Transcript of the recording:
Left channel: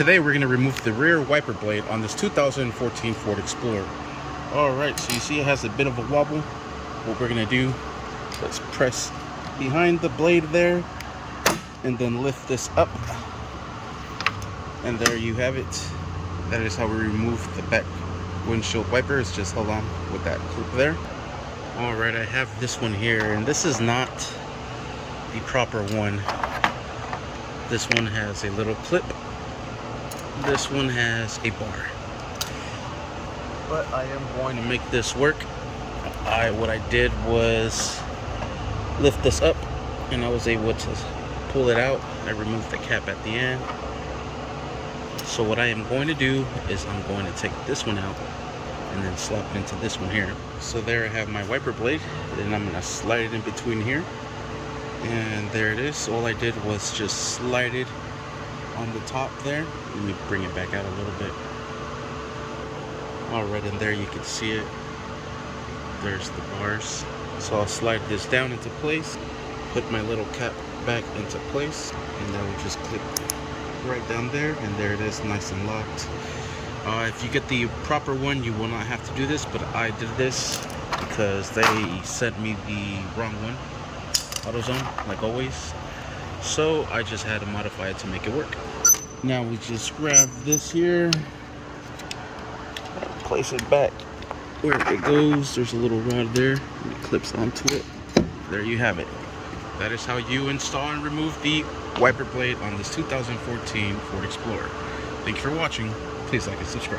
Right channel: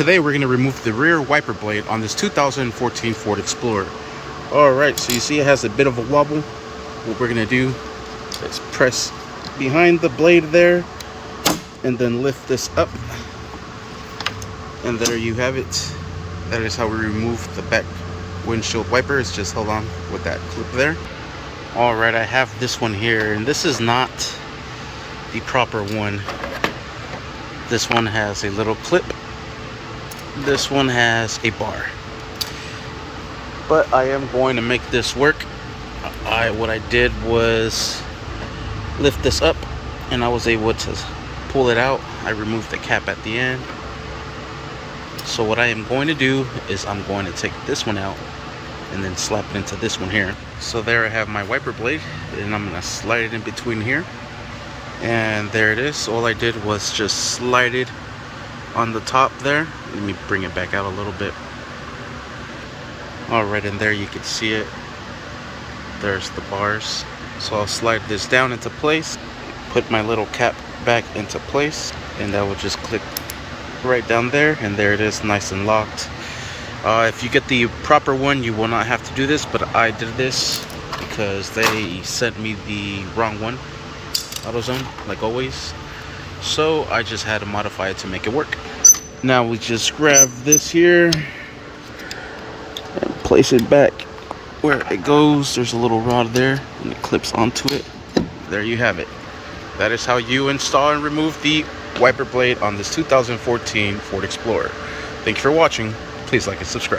today we're going to remove the rear wiper blade on this 2014 Ford Explorer. Alright, so you see it has a bit of a wobble. What we're going to do is press behind the blade there and then lift this up. And there you have it. That is how we remove the back windshield wiper. It's just hold on with that clip there. Alright, I have this one here, and this is not the proper one. This one has a little clip. This one has a bar. But I am going to make this work. What I did was lift this up and I was able to pull it out. I removed the cap at the end. So what I am going to do is I'm going to take this one out and then slap it into this one here. So there I have my wiper blade, and I'm going to slide it in between here. And there it is. All I did was just slide it on the top there. Let me bring it back out a little bit. Alright, and there you can see it. There's the bars. So I'll slide this down into place, put my little cap back into place, and that will just click right down there, and there it is, nice and locked. If you get the proper one, you will not have to do this, but I did this because they sent me the wrong one, AutoZone, like always. So I just had to modify it to make it work. Now we just grab this here and place it back where it goes. There's a little rod there and it clips onto it. There you have it. That is how you install and remove the wiper blade on this 2014 Ford Explorer. Thank you for watching. Please like and subscribe.